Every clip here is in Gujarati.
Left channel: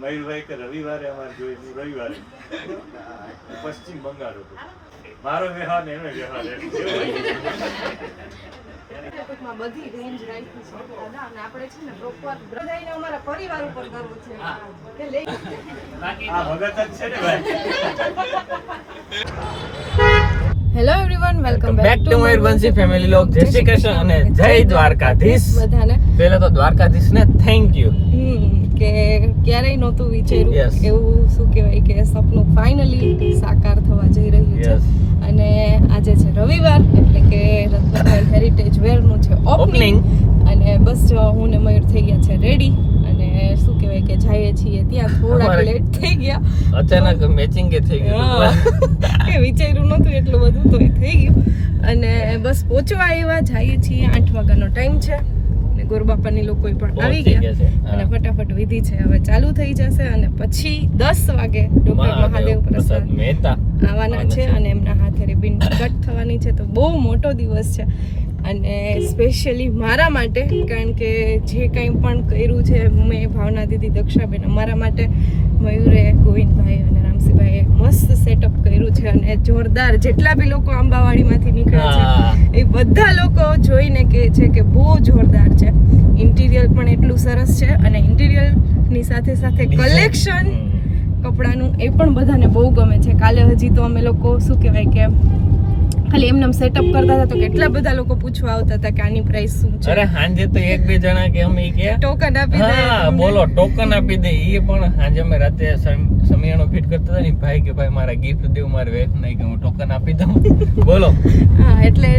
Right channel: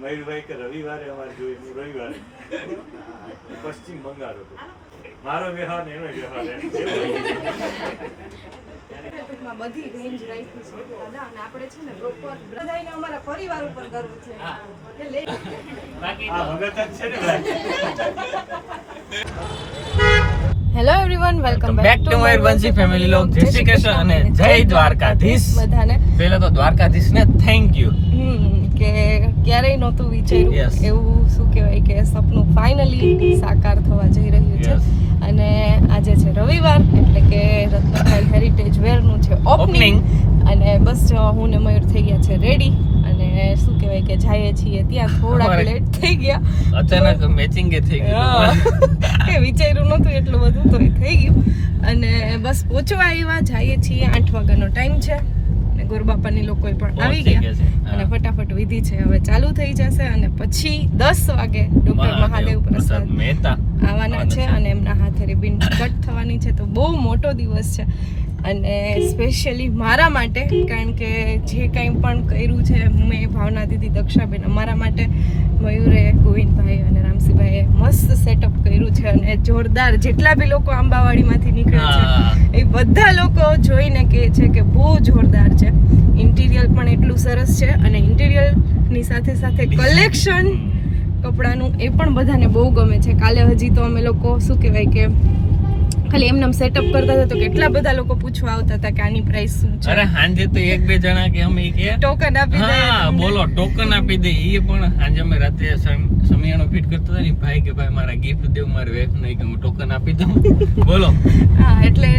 મયુરભાઈ કે રવિવારે અમારે જોયું રવિવારે પશ્ચિમ બંગાળ હતું મારો વ્યવહાર ને એનો વ્યવહાર બધી રેન્જ રાખી છે અને આપણે છે ને પ્રોપર બધાને અમારા પરિવાર ઉપર ગર્વ છે કે લે આ ભગત જ છે ને ભાઈ. Hello everyone welcome back to Mayurvanshi family log. જય શ્રી કૃષ્ણ અને જય દ્વારકાધીશ. બધાને પહેલા તો દ્વારકાધીશ ને થેન્ક યુ કે ક્યારેય નહોતું વિચાર્યું એવું શું કહેવાય કે સપનું ફાઇનલી સાકાર થવા જઈ રહ્યું છે અને આજે છે રવિવાર એટલે કે રત્નભાઈ હેરિટેજ વેરનું છે ઓપનિંગ અને બસ જો હું ને મયુર થઈ ગયા છે રેડી અને શું કહેવાય કે જઈએ છીએ ત્યાં થોડાક લેટ થઈ ગયા અચાનક મેચિંગ કે થઈ ગયું કે વિચાર્યું નહોતું એટલું બધું તો એ થઈ ગયું અને બસ પહોંચવા આવ્યા જઈએ છીએ 8 વાગ્યાનો ટાઈમ છે અને ગુરુબાપાની લોકો પણ આવી ગયા અને ફટાફટ વિધિ છે હવે ચાલુ થઈ જશે અને પછી 10 વાગે ડોક્ટર મહાદેવ પ્રસાદ મહેતા આવવાના છે અને એમના હાથે રિબિન કટ થવાની છે તો બહુ મોટો દિવસ છે અને સ્પેશિયલી મારા માટે કારણ કે જે કંઈ પણ કર્યું છે મેં ભાવના દીદી દક્ષાબેન અમારા માટે મયુરે ગોવિંદભાઈ અને રામસિંહભાઈએ મસ્ત સેટઅપ કર્યું છે અને જોરદાર જેટલા બી લોકો આંબાવાડીમાંથી નીકળે છે એ બધા લોકો જોઈને કહે છે કે બહુ જોરદાર છે ઇન્ટિરિયર પણ એટલું સરસ છે અને ઇન્ટિરિયરની સાથે સાથે કલેક્શન કપડાનું એ પણ બધાને બહુ ગમે છે કાલે હજી તો અમે લોકો શું કહેવાય કે ખાલી એમને સેટઅપ કરતા હતા તો કેટલા બધા લોકો પૂછવા આવતા હતા કે આની પ્રાઇસ શું છે અરે હાંજે તો એક બે જણા કે અમે કે ટોકન આપી દે બોલો ટોકન આપી દે એ પણ હાંજે અમે રાતે સમિયાણો ફિટ કરતો હતા ને ભાઈ કે ભાઈ મારા ગિફ્ટ દેવું મારી વેચ નહીં કે હું ટોકન આપી દઉં બોલો હા એટલે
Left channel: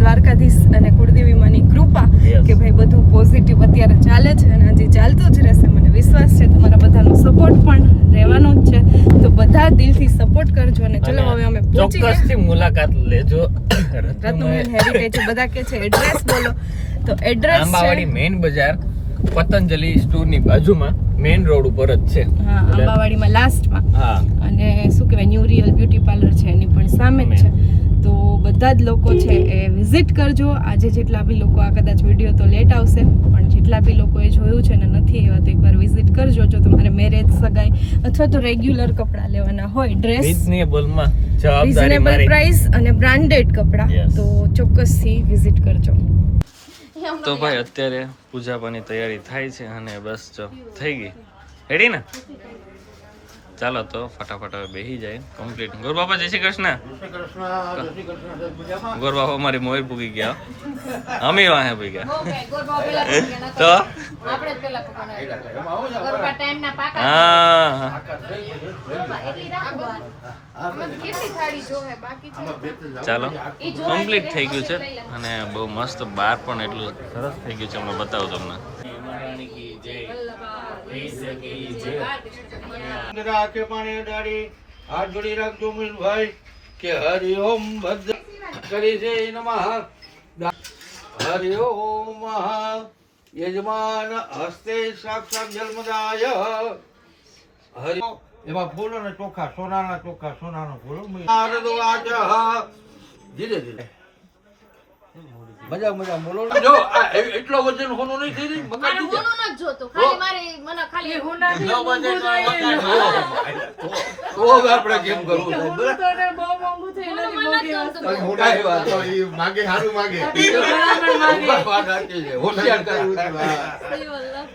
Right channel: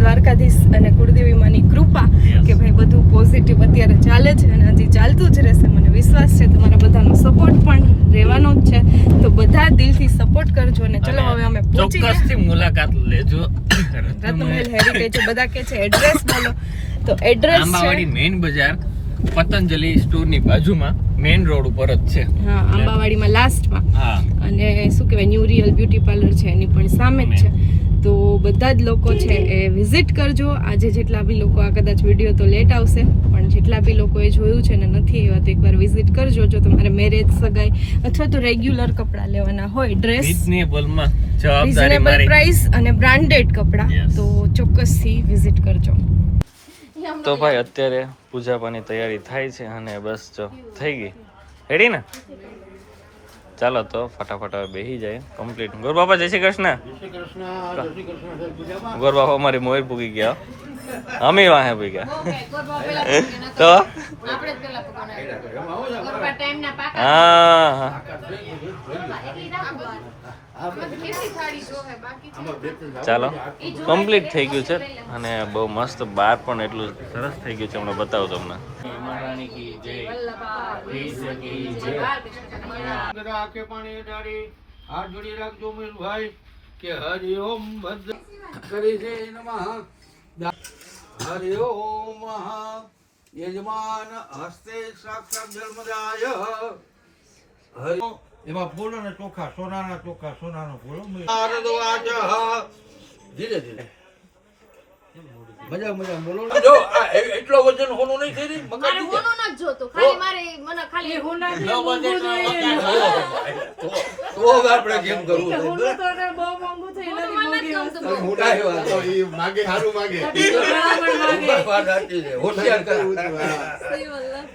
દ્વારકાધીશ અને કુળદેવી માની કૃપા કે ભાઈ બધું પોઝિટિવ અત્યારે ચાલે છે અને હજી ચાલતું જ રહેશે મને વિશ્વાસ છે તમારા બધાનો સપોર્ટ પણ રહેવાનો જ છે તો બધા દિલથી સપોર્ટ કરજો અને ચલો હવે અમે પહોંચી ગયા ચોક્કસથી મુલાકાત લેજો રત્નમહેલ હેરિટેજ બધા કે છે એડ્રેસ બોલો તો એડ્રેસ છે આંબાવાડી મેઇન બજાર પતંજલિ સ્ટોરની બાજુમાં મેઇન રોડ ઉપર જ છે હા આંબાવાડીમાં લાસ્ટમાં હા અને શું કહેવાય ન્યુ રિયલ બ્યુટી પાર્લર છે એની પણ સામે જ છે તો બધા જ લોકો છે એ વિઝિટ કરજો આજે જેટલા બી લોકો આ કદાચ વિડીયો તો લેટ આવશે પણ જેટલા બી લોકોએ જોયું છે ને નથી આવ્યા તો એકવાર વિઝિટ કરજો જો તમારે મેરેજ સગાઈ અથવા તો રેગ્યુલર કપડાં લેવાના હોય ડ્રેસ રીઝનેબલ પ્રાઇસ અને બ્રાન્ડેડ કપડાં તો ચોક્કસથી વિઝિટ કરજો તો ભાઈ અત્યારે પૂજાપાની તૈયારી થાય છે અને બસ જો થઈ ગઈ રેડી ને ચાલો તો ફટાફટ હવે બેસી જાય કમ્પ્લીટ ગોરબાપા જય શ્રી કૃષ્ણ ગોરબાપા અમારી મોર પૂગી ગયા અમે વાહે પૂગી ગયા તો હા ચાલો કમ્પ્લીટ થઈ ગયું છે અને બહુ મસ્ત બાર પણ એટલું સરસ થઈ ગયું છે હમણાં બતાવું તમને કે પાણી ડાળી હાથ જોડી રાખજો ભાઈ કે હરિ ઓમ ભદ્ર કરી છે નમઃ હરિ ઓમ યજમાન હસ્તે સાક્ષાત જન્મદાય હરિ એમાં ફૂલો ને ચોખા સોનાના ચોખા સોનાનો ફૂલો ધીરે ધીરે મજા મજા બોલો જો એટલો વજન હોનો નહીં થઈ રહી મગજ હોનો ન જોતો ખાલી મારે મને ખાલી હોના ન બજે તો આપણે કેમ કરવું છે બહુ મોંઘું છે એની મોટા વાત તો ઈ માગે હારું માગે વાત હતી છે હોશિયાર કરવું છે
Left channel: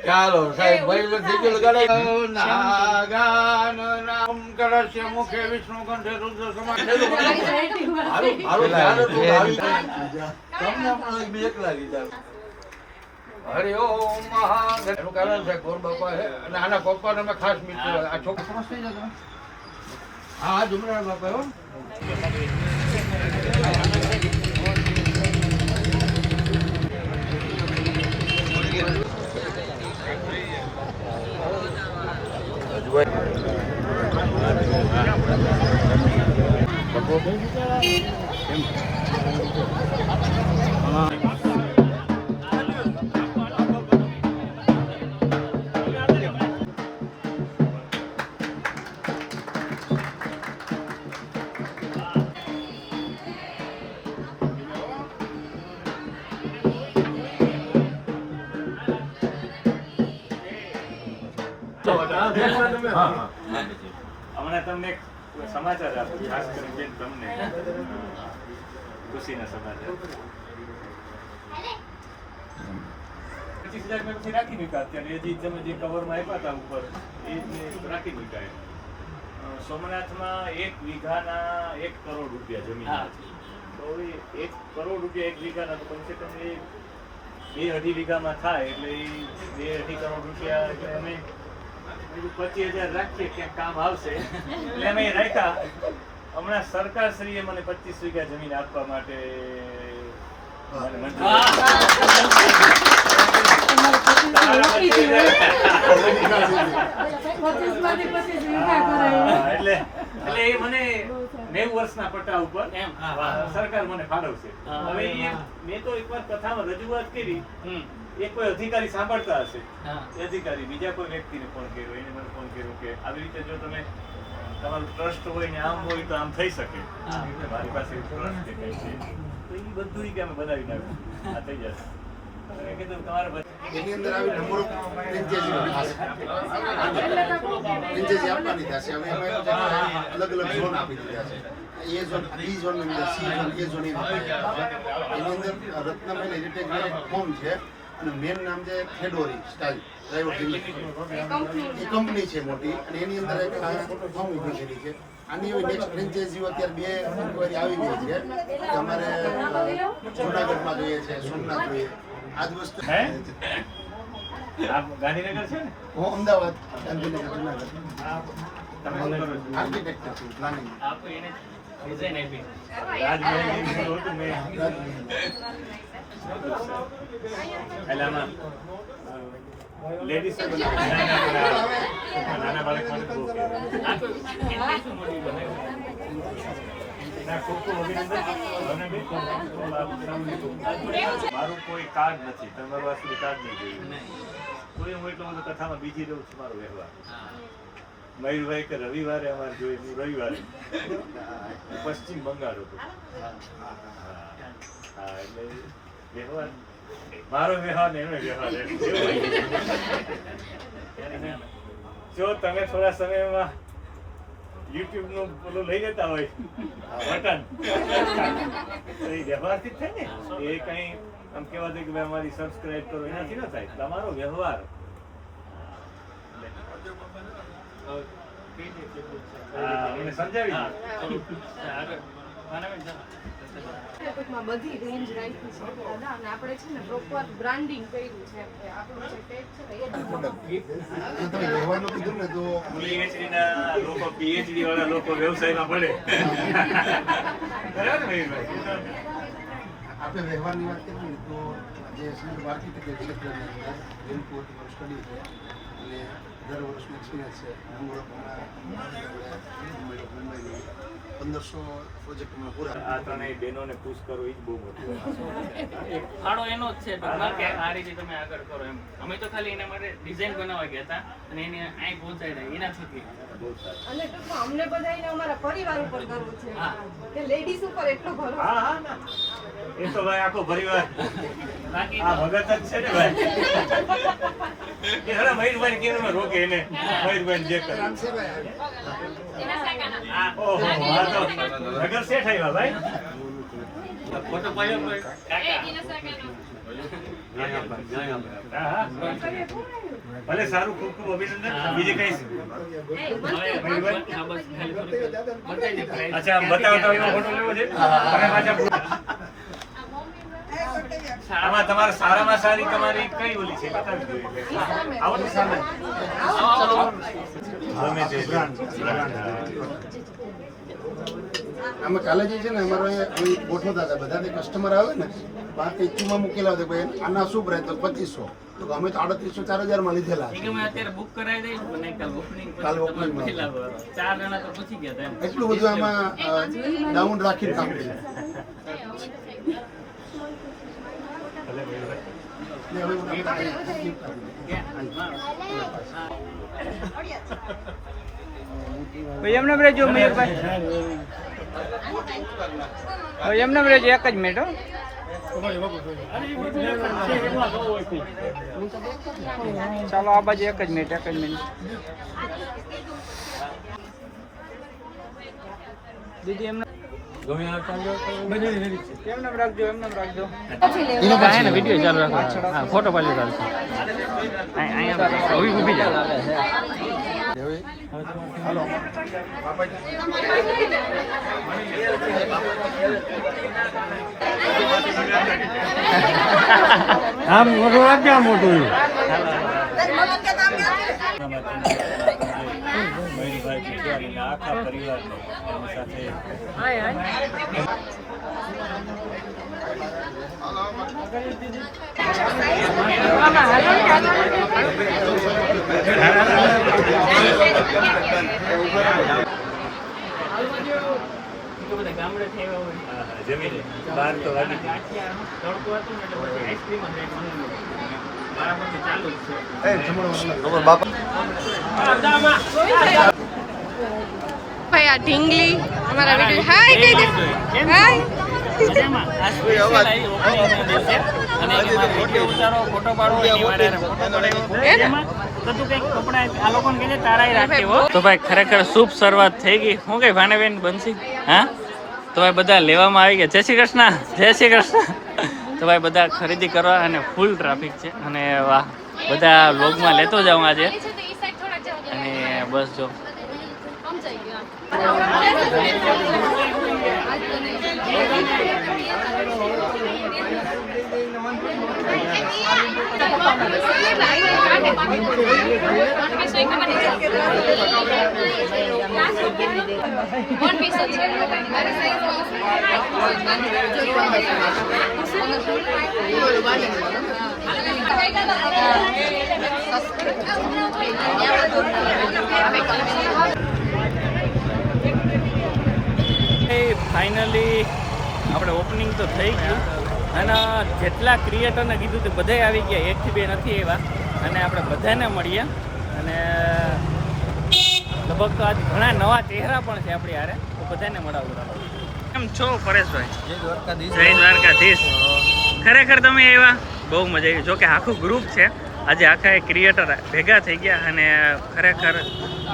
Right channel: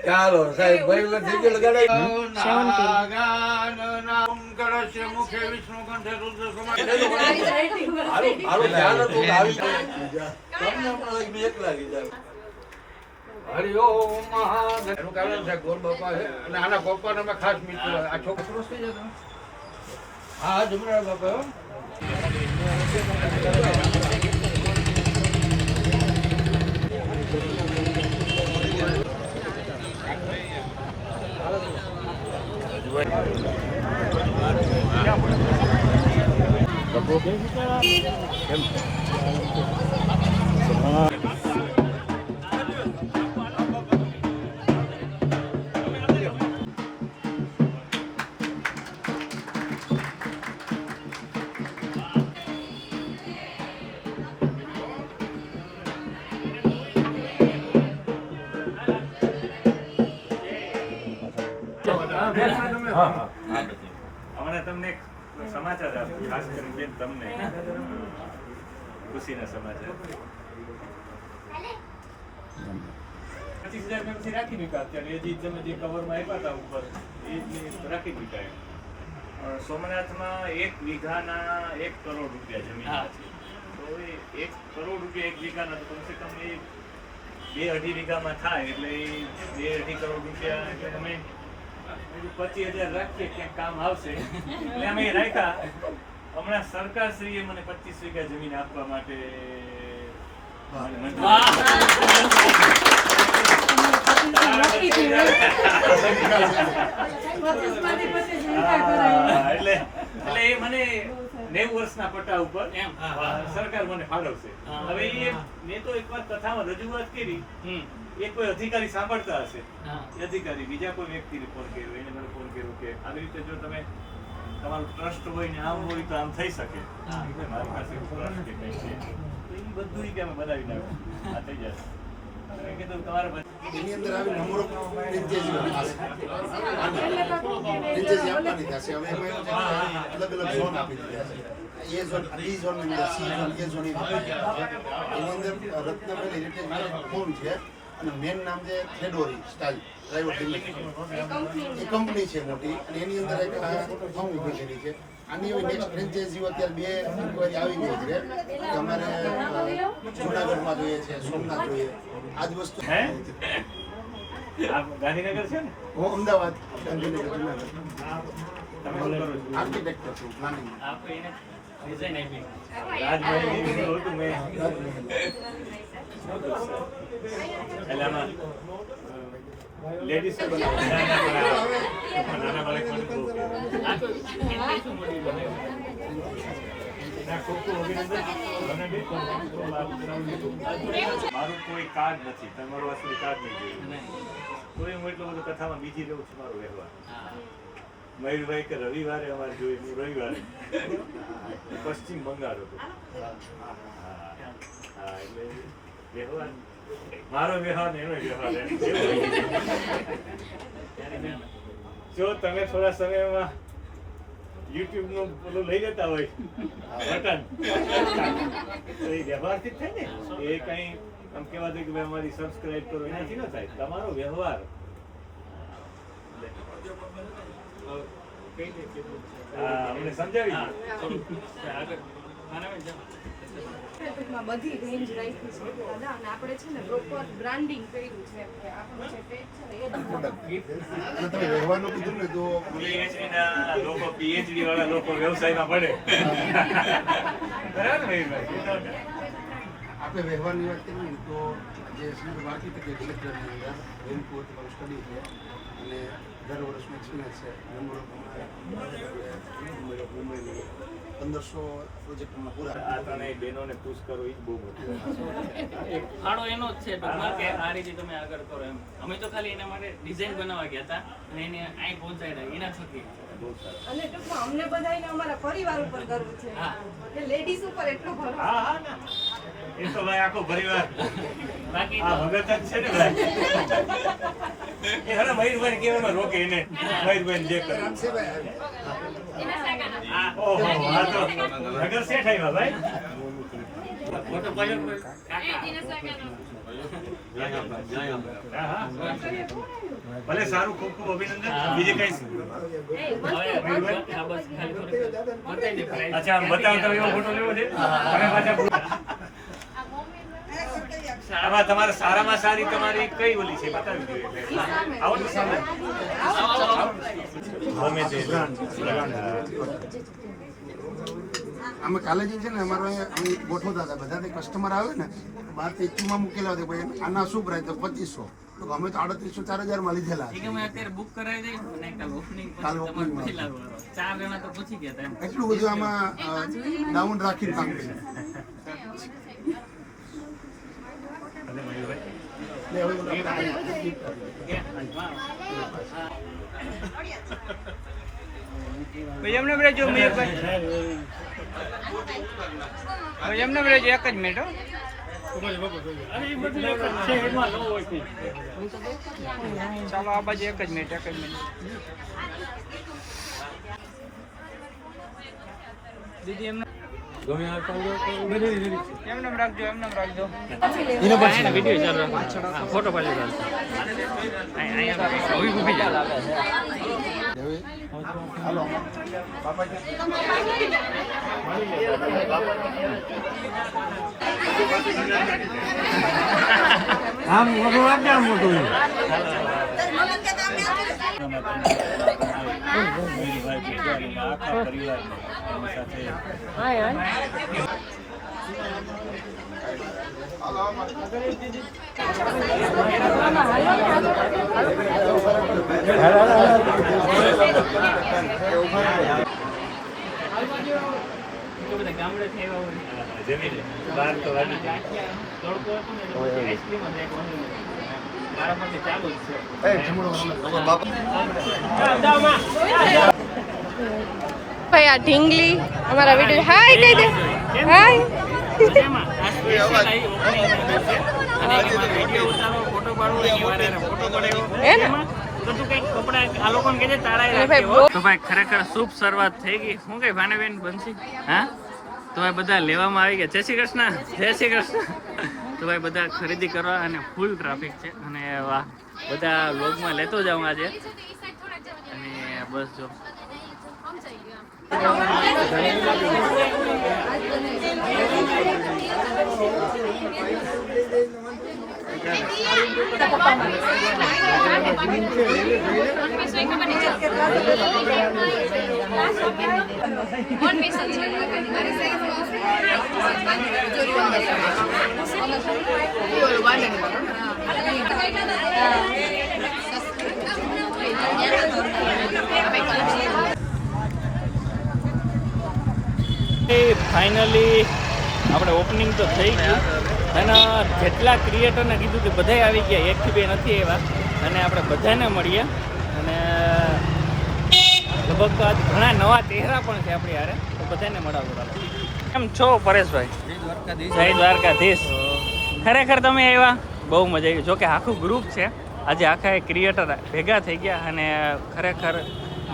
ચાલો સાહેબ ભાઈ મે થઈ ગયો લગાડાય નાગાન નામ કરશે મુખે વિષ્ણુ કંઠે રુદ્ર સમાન હારું ધ્યાન તો આવી તમને પણ બેક લાગી જાય હરિ ઓમ મહાદેવ એનું કારણ છે ગોર બાપા છે અને આના બાપાને મેં ખાસ મિત્રો આ છોકરા સમજતી જતો હા જુમરા બાપા હો હમણાં તમને એક સમાચાર આપું, ખાસ કરીને બેન તમને ખુશીના સમાચાર. 25,000 મેં પછી રાખી મૂક્યા. અત્યારે એ જે તમે જે કવરમાં આપ્યા હતા ઉપર એ રાખી મૂક્યા. સોમનાથમાં 1 વીઘાના 1 કરોડ રૂપિયા જમીન છે. તો એ 1 કરોડ રૂપિયા 1 વીઘાના તો કમસે કમ એ 2-2.5 વીઘામાં થાય એટલે 2-2.5 કરોડ રૂપિયા એટલે અમે 25,000 રાખીએ ક્યાંક કામ આવશે એટલે અમે રાખ્યા. હમણાં સરકારશ્રીએ મને 25 વીઘા જમીન આપવા માટે મને એટલે એ મને 90 વર્ષના પટ્ટા ઉપર સરકાર મને ફાળવશે. હવે મેં તો એકવાર કથામાં રજૂઆત કરી, એ કોઈ અધિકારી સાંભળતા હશે, એ અધિકારી બીજા કોઈ વ્યક્તિને ફોન કર્યો, એને મને ફોન કર્યો કે આવી રીતે જો તમે તમારું ટ્રસ્ટ હોય ને આમ હોય તો આમ થઈ શકે. મારી પાસે ટ્રસ્ટ કે કઈ છે તો એ બધું કે અમે બનાવી નાખ્યું, આ થઈ જશે. કીધું તમારે એની અંદર આવી નંબરો ફ્રેન્ચાઇઝી આપવાની થશે. હવે એમાં અલગ અલગ ઝોન આપી દીધા છે. એ ઝોન, બી ઝોન, સી ઝોન, એ ઝોન એની અંદર રત્નમહેલ હેરિટેજ હોમ છે અને મેન નામ છે થેડોરી સ્ટાઇલ પ્રાઇવેટ લિમિટેડ. એ કંપની છે મોટી અને એની અંદર એક ફોર્મ ઊભી કરી છે. આની હવે નેક્સ્ટ ફ્રેન્ચાઇઝીઓ અત્યારે 2 ઇન્ક્વાયરી આવી ગઈ છે કે અમારે જુનાગઢમાં જોઈએ છે, સોમનાથ જોઈએ. આ જ વસ્તુ હે આ ગાંધીનગર છે ને? હું અમદાવાદ, ગાંધીનગર, જુનાગઢ તમે શું કરો છો? આર્કિટેક્ટર છું, પ્લાનિંગ. રાજભાઈ ઓળખું મેં. એટલે આમાં લેડીઝ નાના બાળક માટે બહુ મારું કોઈ કાર્ડ નથી, તમારું આ સુધી કાર્ડ નહીં જોયું તો હું એટલો બધો કથામાં બીજી રહું છું. મારો વ્યવહાર મયુરભાઈ કે રવિવારે અમારે જોયું, હું રવિવારે પશ્ચિમ બંગાળ હતો. હા એટલે વ્યવહાર મારો વ્યવહાર ને એનો વ્યવહાર. જો તમે થોડા સમયમાં યુટ્યુબ નું પેલું લઈ લેતા હોય બટન તો એ વ્યવહારથી જ થાય ને. એ કઈ આમ કેવા દે કે ભાઈ અમારી સબસ્ક્રાઇબ કરો એનાથી ન થાય. તમારો વ્યવહાર મને સમજાવી ટૂંકમાં બધી રેન્જ રાખી છે અને આપણે છે ને પ્રોપર બ્રાન્ડિંગ કર્યું છે. આપણું જે પેજ છે ને એ તમે વ્યવહારનું કીધું ને તો PhD ના લોકો, PhD વાળા લોકો વ્યવસાયમાં પડે. બરાબર ને ભાઈ? આપણે વ્યવહારની વાત કરીએ ને તો જે સિવિલ આર્કિટેક્ચર ક્ષેત્રની અંદર રેનકોટ તમારું સ્ટડી છે અને દર વર્ષનો એક્સપિરિયન્સ છે. મુંબઈની 1500 પ્રોજેક્ટ હમણાં પૂરા. આ ત્રણેય બહેનોને પુશ કરો એ જ બહુ મોટું. એક ફાળો એનો જ છે ટૂંકમાં કે આ રીતે તમે આગળ કરો એમ. અમે તો ખાલી એના માટે ડિઝાઇન બનાવવા ગયા હતા અને એને અહીં પહોંચાડ્યા એના થકી. બહુ સારું. અને ટૂંકમાં અમને બધાને અમારા પરિવાર ઉપર ગર્વ છે કે લેડીઝ ઉપર એટલો ભરોસો. હા હા ના એ તો ભાઈ આખો પરિવાર બાકી આ ભગત જ છે ને ભાઈ. એ હરે મયુરભાઈ કેવામાં રોકે એને, મયુરભાઈ જે કરે. ઓહો આ તો નગર શેઠ આવ્યા ભાઈ. ફોટો પાડ્યો કોઈ હા હા ભલે સારું, ખૂબ ખૂબ અભિનંદન. બીજે કઈ અચ્છા બતાવતા એવો ફોટો લેવો છે અને પાછા આમાં તમારે સારામાં સારી તમારી કઈ ઓલી છે બતાવી દો. આવો તો સામે ગમે તે આમાં કાલે જે છે ને અમારો અહીંયા અહીં ગોઠવતા હતા બધા કસ્ટમર આવે ને 12 માં મૂકેલા હતા ભાઈ આના શું પ્રાઇસ તો 2500 તો અમે તો 3800 4000 માં લીધેલા એ કે મેં અત્યારે બુક કરાવી દઈશ અને કાલ ઓપનિંગ કાલ opening માં. પહેલા 4 જણા તો પૂછી ગયા હતા એમ. એટલું બધું આમાં ડાઉન રાખીને કામ કર્યું. ભલે મયુરભાઈ ને હવે હું તમને ભાઈ એમને રેજો ભાઈ એમને રેજો એક જ મિનિટ હો. ચાલો આ બાજુ એક જ મિનિટ દીદી એમને એમને રાખજો વિડીયો ચાલુ રાખો ફોટો પાડી આમ મોટું રાખજે, આમ મોટું. આખા પરિવારને એની સાથે જમીને બહાર તો વાગી જાય. ભાઈ આ ઢીંગલી અમારા વિડીયો હાય કહી દે હાય તો ભાઈ ખરેખર શુભ શરૂઆત થઈ ગઈ. શું કઈ ભાનેબેન બનશી? હા તો ભાઈ બધા લેવામાં આવી ગયા. જય શ્રી કૃષ્ણ, જય શ્રી કૃષ્ણ. તો ભાઈ બધા ખરીદી કરવા અને ફૂલ ટ્રાફિક છે અને વાહ બધા વ્લોગમાં લેતો જાઉં આજે. અને બસ જો ફાઇનલી આપણે ઓપનિંગ તો થઈ ગયું અને જેટલા ક્રિએટરને કીધું તે બધાય આવી ગયા, એકથી બે નથી આવ્યા અને આપણે બધાને મળીએ અને લગભગ આજ ઘણા નવા ચહેરા પણ છે આપણી હારે, તો બધાને મળાવું. ચાલો કેમ છો પરેશભાઈ? જય દ્વારકાધીશ. જય દ્વારકાધીશ. ખરેખર તમે આવ્યા, બહુ મજા આવી. જો કે આખું ગ્રુપ છે આજે, આખા ક્રિએટર ભેગા થઈ ગયા અને ખરેખર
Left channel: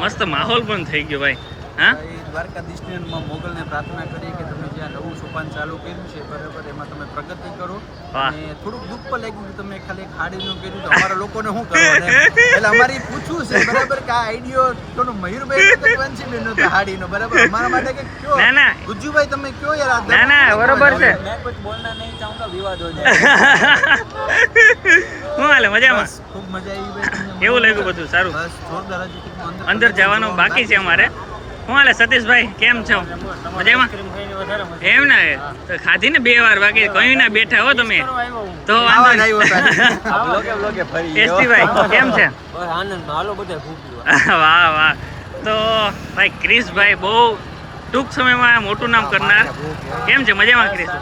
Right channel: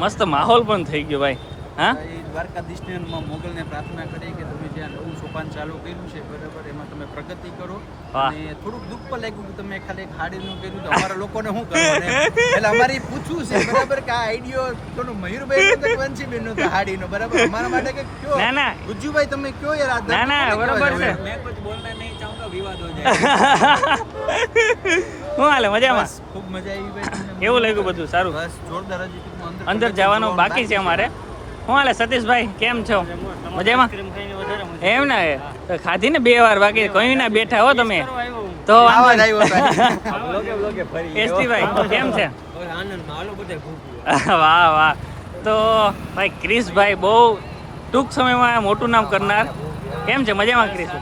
મસ્ત માહોલ પણ થઈ ગયો ભાઈ. હા દ્વારકાધીશને મોગલને પ્રાર્થના કરી કે તમે જ્યાં નવું સોપાન ચાલુ કર્યું છે બરાબર, એમાં તમે પ્રગતિ કરો. અને થોડુંક દુઃખ પણ લાગ્યું કે તમે ખાલી એક હાડીનું કર્યું, તો અમારા લોકોને શું કરવાનું એટલે અમારે પૂછવું છે બરાબર કે આ આઈડિયો કોનો મયુરભાઈ વંશીબેન નો હાડીનો બરાબર, અમારા માટે કે કયો? ના ના ગુજ્જુભાઈ તમે કયો યાર? ના ના બરોબર છે. મેં કુછ બોલના નહીં ચાહુંગા, વિવાદ હો શું હાલે? મજામાં? ખૂબ મજા આવી ભાઈ. કેવું લાગ્યું બધું? સારું. બસ જોરદાર હતું. અંદર જવાનું બાકી છે અમારે. શું હાલે સતીશભાઈ, કેમ છો? મજામાં? એમ ને તો ખાધી ને 2 વાર, બાકી કઈ ના બેઠા હો તમે તો વાંધો નહીં. એસટીભાઈ કેમ છે? વાહ વાહ. તો ભાઈ ક્રિશભાઈ બહુ ટૂંક સમયમાં મોટું નામ કરનાર. કેમ છે? મજામાં ક્રિશ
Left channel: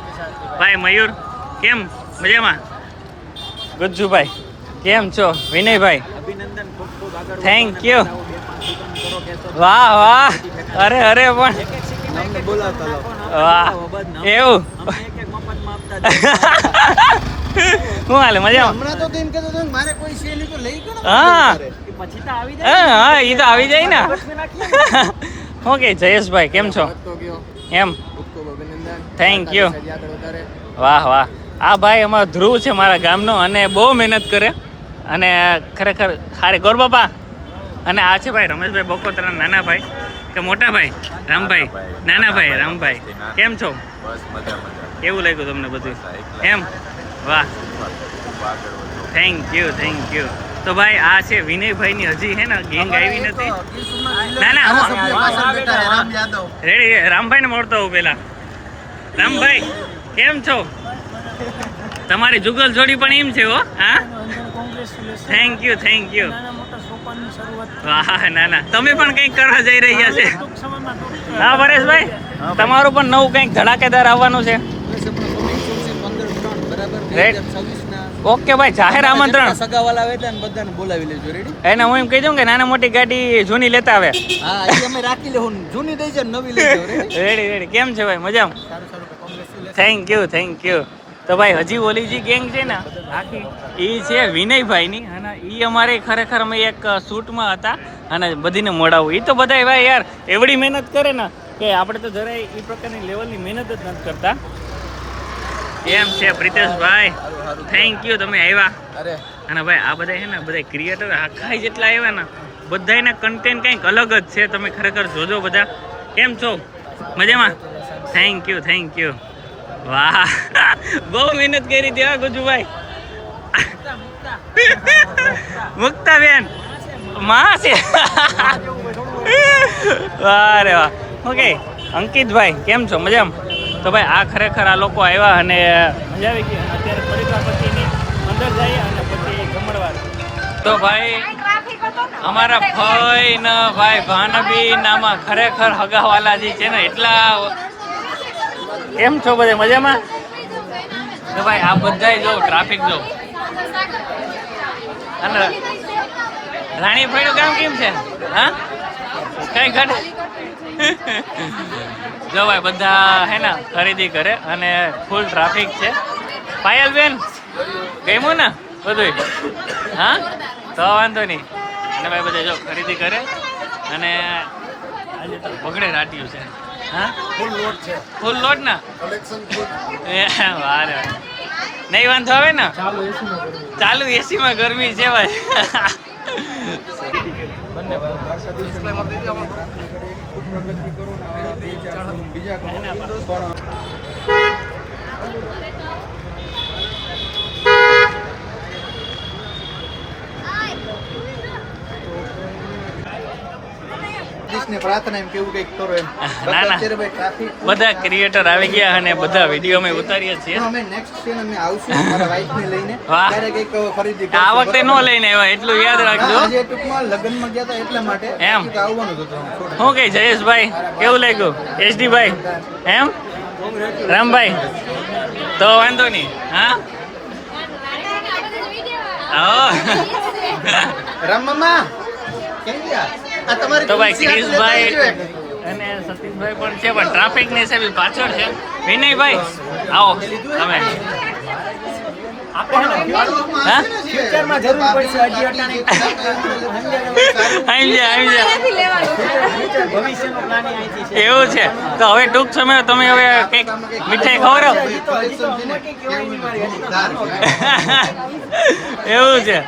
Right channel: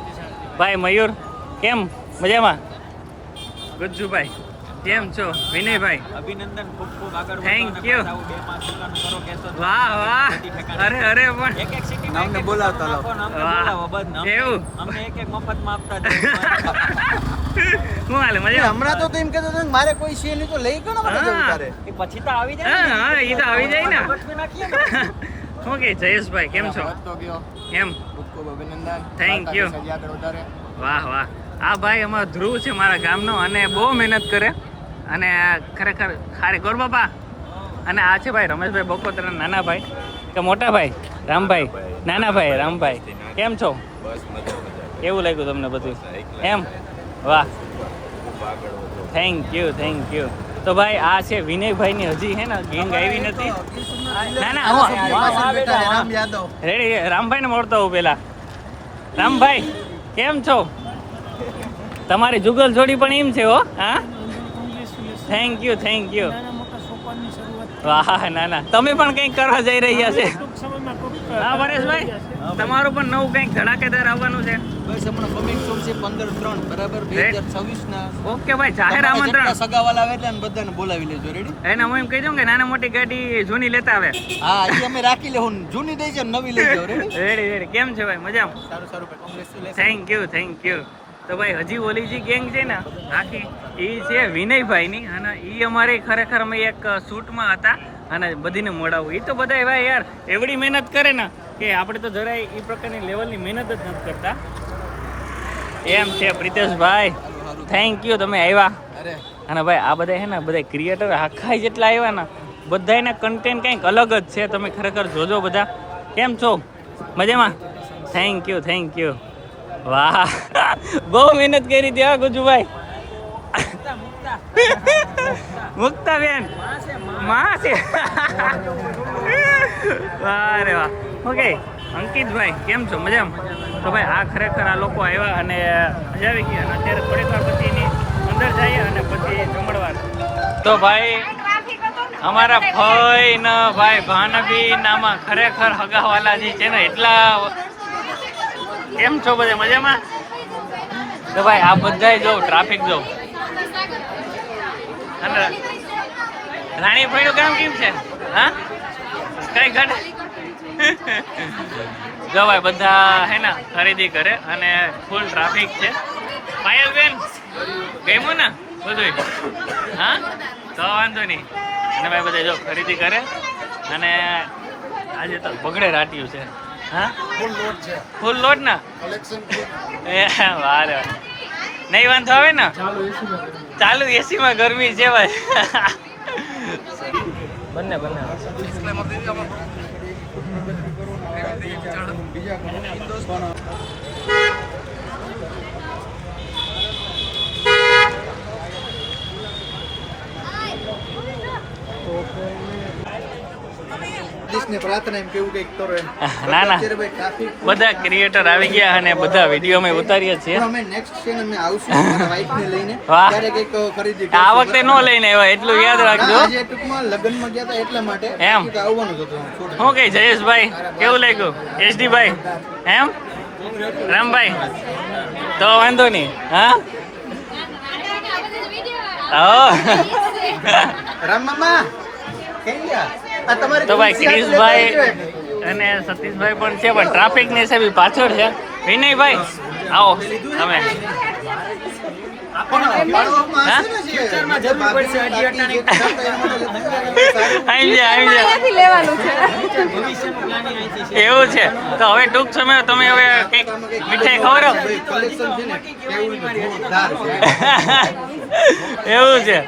ભાઈ? મયુર કેમ? મજામાં? ગુજ્જુભાઈ કેમ છો? વિનયભાઈ અભિનંદન, ખૂબ ખૂબ આગળ. Thank you. 2-5 દુકાનો કરો, કેસો. વાહ વાહ. અરે અરે પણ એક એક સિટીમાં એક એક દુકાનો નાખો ને વાહ એવું અમને એક એક મફતમાં આપતા શું હાલે? મજામાં? હમણાં તો તું એમ કીધું હતું મારે કોઈ છે નહીં તો લઈ ગયો ને હા. એ પછી તો આવી જાય હા હા ઈ તો આવી જાય ને. ઓકે જયેશભાઈ કેમ છો? એમ થેન્ક યુ. વાહ વાહ. આ ભાઈ અમારો ધ્રુવ છે મારા ગામનો અને બહુ મહેનત કરે અને ખરેખર સારી. ગોર બાપા. અને આ છે ભાઈ રમેશભાઈ બકોતરા, નાના ભાઈ કે મોટા ભાઈ? રામભાઈ. નાના ભાઈ રામભાઈ. કેમ છો? બસ મજા મજા. કેવું લાગ્યું તમને બધું? એમ વાહ. Thank you thank you. તો ભાઈ આ છે વિનયભાઈની હજી હે ને ગેંગ આવી નથી. ના ના રેડી. રામભાઈને મળતો હું પેલા. રામભાઈ કેમ છો? તમારી જુગલ જોડી પણ એમ છે હો. હા થેન્ક યુ થેન્ક યુ. વાહ ના ના તમે પણ કંઈક કરવા જઈ રહ્યા છે. હા પરેશભાઈ તમારું પણ નવું કંઈક ધડાકેદાર આવવાનું છે. બસ હમણાં કમિંગ સૂન છે 15/3 બરાબર 2026 ના. ઓકે ભાઈ જાહેર આમંત્રણ. સગાવાલા આવે એટલે બધાને બોલાવી લેજો. રેડી? એને હું એમ કહી દઉં કે નાના મોટી ગાડી જૂની લેતા આવે. હા એ અમે રાખી લેવું, જૂની દઈ છે નવી લઈ જાવ. Ready ready ready. કેમ છે ભાઈ? મજામાં? સારું સારું ભાઈ, congratulation. Thank you thank you. તો ભાઈ હજી ઓલી જે ગેંગ છે ને આખી એ છે વિનયભાઈની અને એ અમારે ખરેખર અમે એક શૂટમાં હતા અને બધીને મળાવું. એ તો બધા ભાઈ યાર એવડી મહેનત કરે ને કે આપણે તો જરાય એ પ્રકારની લેવલની મહેનત જ નથી કરતા. એમ છે પ્રિતેશભાઈ, થેન્ક યુ તમે આવ્યા. અને ભાઈ આ બધા છે ને બધા ક્રિએટર આખા જેટલા આવ્યા ને બધાના કન્ટેન્ટ કંઈક અલગ જ છે. તમે ખરેખર જોજો બધા. કેમ છો? મજામાં? Thank you thank you. વાહ બહુ મહેનત કરી હતી હા ગુજુભાઈ. મુક્તાબેન માં છે. વાહ રે વાહ. ઓકે અંકિતભાઈ કેમ છો? મજામાં? તો ભાઈ આ ખરેખર આ લોકો આવ્યા અને મજા આવી ગઈ. અત્યારે થોડીક વાર પછી અંદર જઈએ અને પછી જમણવાર. તો ભાઈ અમારા ફઈ ને ભાઈ ભાનબી નામાં ખરેખર હગાવાલા જે છે ને એટલા. કેમ છો બધે મજામાં? તો ભાઈ આ બધા જો ટ્રાફિક જો. અને રાણીભાઈનું કામ કેમ છે? હા કઈ ઘટ. જો ભાઈ બધા હે ને ખરીદી કરે અને ફૂલ ટ્રાફિક છે. પાયલબેન ગમ્યું ને બધું? હા તો વાંધો નહીં. અને ભાઈ બધા જો ખરીદી કરે અને આજે તો બગડે રાટ્યું છે. હા ફૂલ લોટ ને વારે નહીં વાંધો આવે ને. ચાલુ એસીમાં ગરમી છે ભાઈ. ના ના બધા ક્રિએટર આવી ગયા અને બધા વિડીયો અમે ઉતારીએ છીએ. આ વખતે નો લઈને આવ્યા એટલું યાદ રાખજો. એમ શું કઈ જયેશભાઈ કેવું લાગ્યું? એસડી ભાઈ એમ રામભાઈ તો વાંધો નહીં. હા તો ભાઈ ક્રિશભાઈ અને સતીશભાઈ પણ છે પણ ટ્રાફિક ની હિસાબે પાછળ છે. વિનયભાઈ આવો તમે. એવું છે તો હવે ટૂંક સમય તમે હવે કઈક મીઠાઈ ખવડાવો. એવું છે.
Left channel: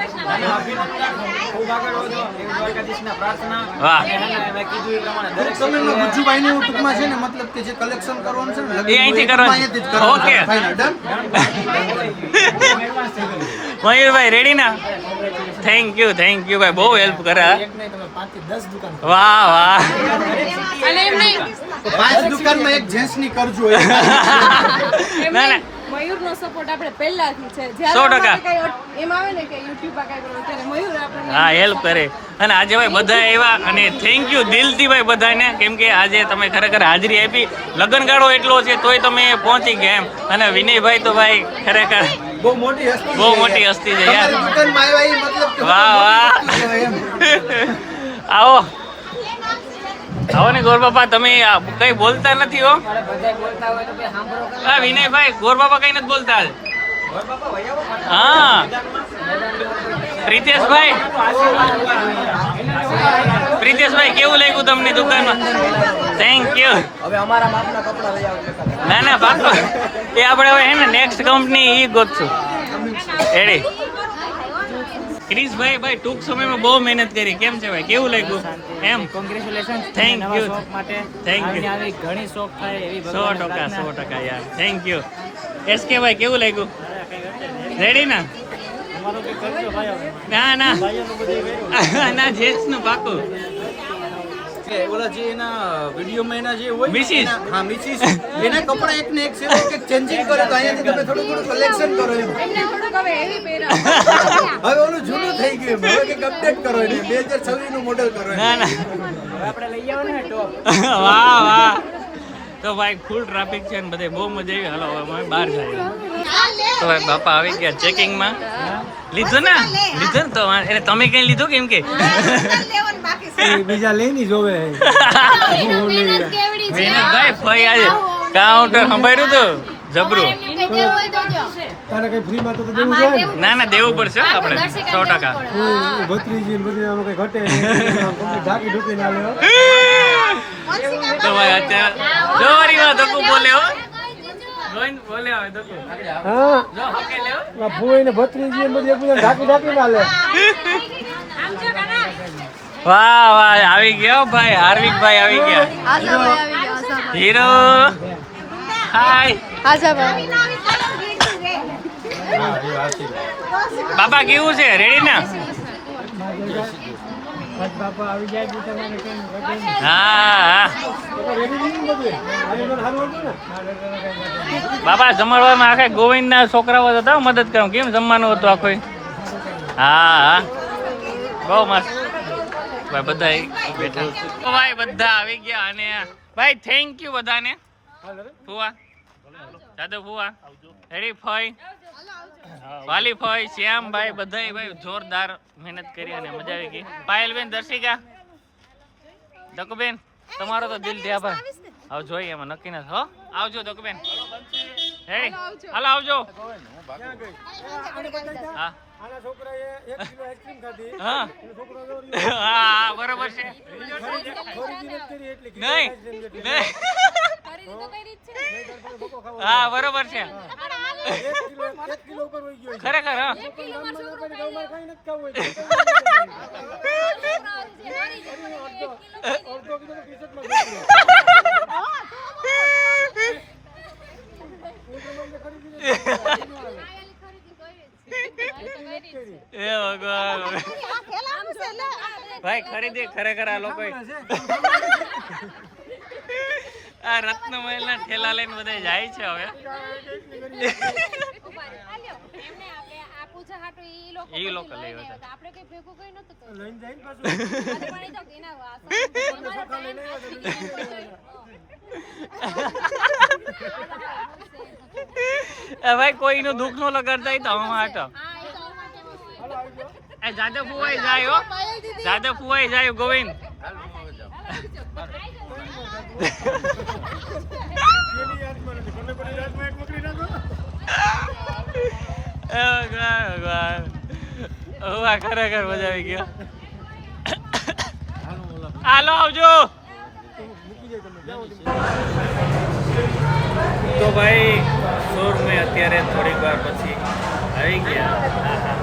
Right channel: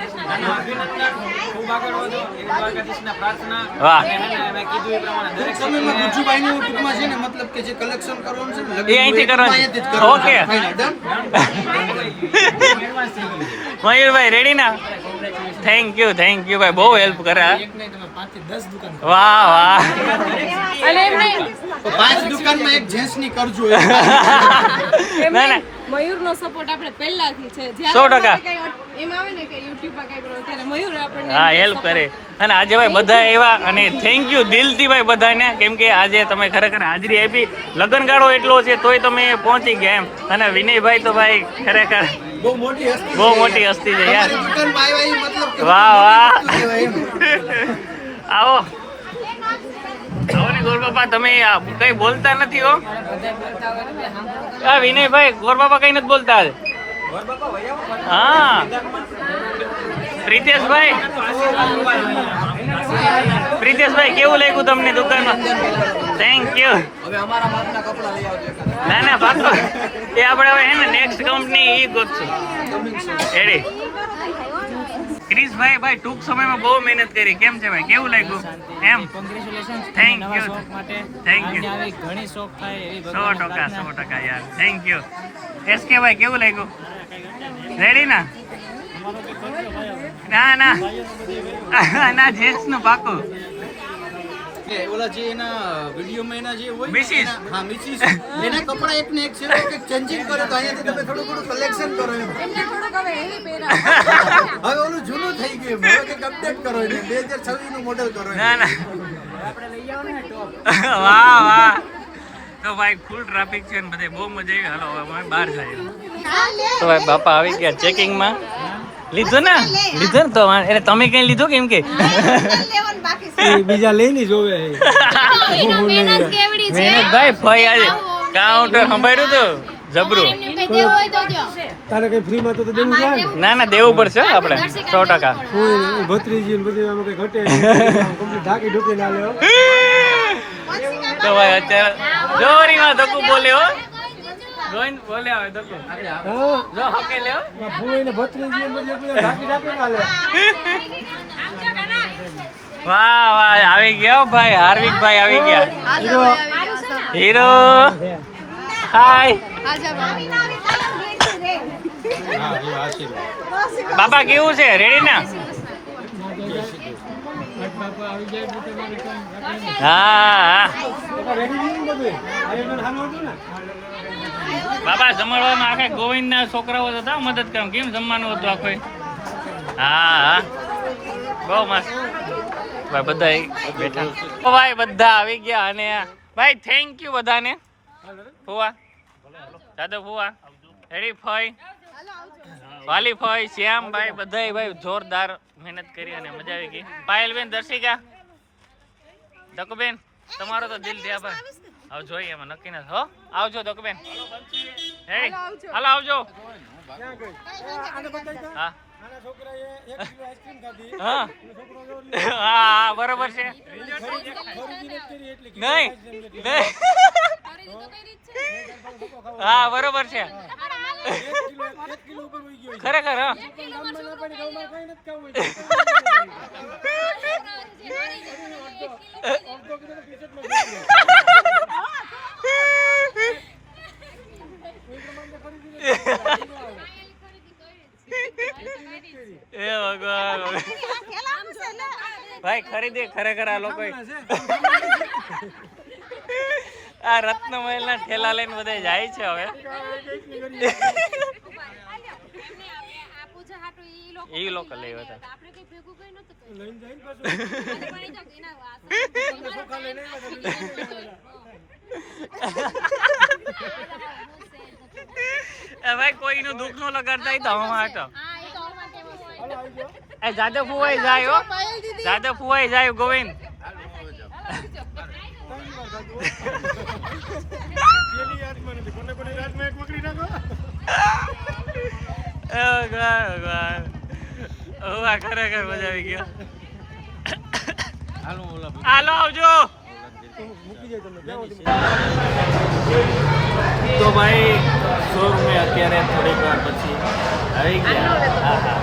વાહ ઓકે મયુરભાઈ રેડી ના? થેન્ક યુ ભાઈ બહુ હેલ્પ કરે. વાહ વાહ 5 દુકાનમાં એક જેન્ટ્સ ની કરજો. ના ના મયુરનો સપોર્ટ આપણે પહેલાથી છે. 100% એમ આવે ને કે યુટ્યુબ પર કઈ કરો ત્યારે મયુર આપણને હા હેલ્પ કરે. અને આજે ભાઈ બધા એવા અને થેન્ક યુ દિલથી ભાઈ બધાને કેમ કે આજે તમે ખરેખર હાજરી આપી. લગ્નગાળો એટલો છે તોય તમે પહોંચી ગયા એમ. અને વિનયભાઈ તો ભાઈ ખરેખર બહુ મોટી હસ્તી છે યાર. વાહ વાહ આવો આવો ને ગોરબાપા. તમે કઈ બોલતા નથી હો. હા વિનયભાઈ ગોરબાપા કઈ નથી બોલતા. હા પ્રિતેશભાઈ કેવું લાગ્યું તમને દુકાનમાં? Thank you. હવે અમારા માપના કપડા લઈ આવજો. ના ના પાકો એ આપણે હવે હે ને નેક્સ્ટ કંપની ઈ ગોતશું. એડી ક્રિશભાઈ ભાઈ ટૂંક સમયમાં બહુ મહેનત કરી. કેમ છે ભાઈ કેવું લાગ્યું? એમ કોંગ્રેચ્યુલેશન. થેન્ક નવા યુ શોખ માટે થેન્ક યુ. આવી ઘણી શોખ થાય એવી ભગવાનને 100% પ્રાર્થના. યાર થેન્ક યુ. એસકે ભાઈ કેવું લાગ્યું? રેડી ના? અમારું કંઈક કરજો ભાઈ હવે. ના ના ભાઈઓનું બધું કર્યું. ના જેન્ટ્સ નું પાકું. ઓલા જે એના વિડીયોમાં એના જે હોય ને મિસિસ. એના- હા મિસિસ એના કપડા એક ને એક છે કે ચેન્જિંગ કરે તો અહીંયાથી તમે થોડું થોડું કલેક્શન કરો એમ. હવે ઓલું જૂનું થઈ ગયું એમ. હવે કંઈક અપડેટ કરો એને 2026 નું મોડેલ કરો એમ. ના ના આપણે લઈ આવો ને ટોપ. વાહ વાહ. તો ભાઈ ફૂલ ટ્રાફિક છે ને બધે બહુ મજા આવી. હાલો હવે અમે બહાર જઈએ. તો ભાઈ બાપા આવી ગયા ચેકિંગમાં. લીધું ને તો એને તમે કઈ લીધું કેમ કે બીજા લઈને જોવે ભાઈ આજે કાઉન્ટર સંભાળ્યું હતું જબરું. તારે કઈ ફ્રી માં તો દેવું છે ને? ના ના દેવું પડશે હો આપણે 100%. ભત્રીજી ને બધી આમાં કઈ ઘટે કમ્પ્લીટ ઢાકી ઢૂકી ના લ્યો. તો ભાઈ અત્યારે જોરીમાં ધક્કો બોલે હો. ગોવિંદ બોલે હવે ધક્કો. હા જો હકે લેવો. ફૂઈ ને ભત્રીજી ને બધી એકબીજા ઢાકી ઢાકી ના લે. વાહ વાહ આવી ગયા હો ભાઈ હાર્વિકભાઈ આવી ગયા. હીરો હાય બાબા કેવું છે રેડી ના? બાપા આવી જાય તો તમારે કેમ હા રેડી નહીં બધું આયોજન સારું હતું ને? બાબા જમણવારમાં આખે ગોવિંદના છોકરાઓ હતા મદદ કરો. કેમ જમવાનું હતું આખું? હા બહુ મસ્ત ભાઈ બધા બેઠા. ભાઈ બધા આવી ગયા અને ભાઈ થેન્ક યુ બધાને. ફુવા દાદા ફુવા રેડી ફઈ વાલી ફઈ શ્યામ ભાઈ બધા ભાઈ જોરદાર મહેનત કરી અને મજા આવી ગઈ. પાયલબેન દર્શિકા દકુબેન તમારો તો દિલ છે આભાર. આવ જોઈએ એમાં નક્કી નથી હો. આવજો દકુબેન રેડી હાલો આવજો. હા આના છોકરાએ 1 કિલો આઈસ્ક્રીમ ખાધી. હા છોકરો હા બરોબર છે. ખરીદી નથી કરી એટલે નહીં નહીં હા બરોબર છે 1 કિલો ઉપર વહી ગયો છે. ખરેખર હા ગામમાં ના પડે ગામમાં કઈ નથી ખાવું હોય. અડધો કિલો ટી-શર્ટમાં ભરી એ ભગવાન ભાઈ ખરીદી ખરેખર આ લોકો આ રત્નમહેલ ના ઠેલા લઈને બધા જાય છે હવે. એ લોકો લઈ હતા લઈને જાય ને પાછું. ભાઈ કોઈનું દુઃખ નો લગાડતા તો હમણાં હતો. એ જાદવ ફુવાઈ જાય હો. જાદવ ફુવાઈ જાય ગોવિંદ. પેલી યાદમાં નથી. કોને કોને યાદમાં એક પકડી નાખો. ભગવાન ખરેખર મજા આવી ગયો. હાલો આવજો. તો ભાઈ શોરૂમે અત્યારે થોડીક વાર પછી આવી ગયા. હા હા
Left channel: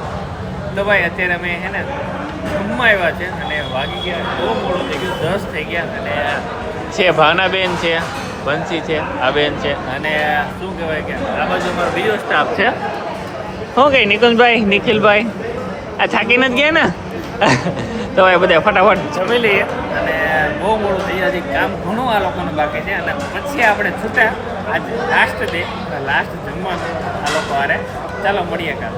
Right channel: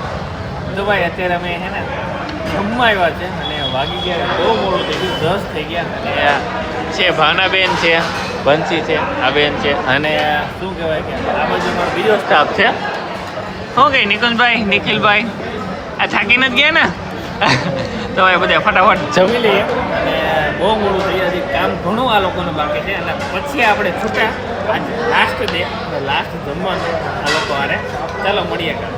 તો ભાઈ અત્યારે અમે હે ને જમવા આવ્યા છે અને વાગી ગયા બહુ મોડું થઈ ગયું 10 થઈ ગયા. અને આ છે ભાવનાબેન છે બંસી છે આ બેન છે અને શું કહેવાય કે આ બાજુ અમારો બીજો સ્ટાફ છે. શું કહે નિકુંજભાઈ નિખિલભાઈ આ થાકી નથી ગયા ને? તો ભાઈ બધા ફટાફટ જમી લઈએ અને બહુ મોડું થઈ જાય. કામ ઘણું આ લોકોને બાકી છે અને પછી આપણે છૂટા આજ લાસ્ટ ડે લાસ્ટ જમવાનું આ લોકો હારે. ચાલો મળીએ કામ.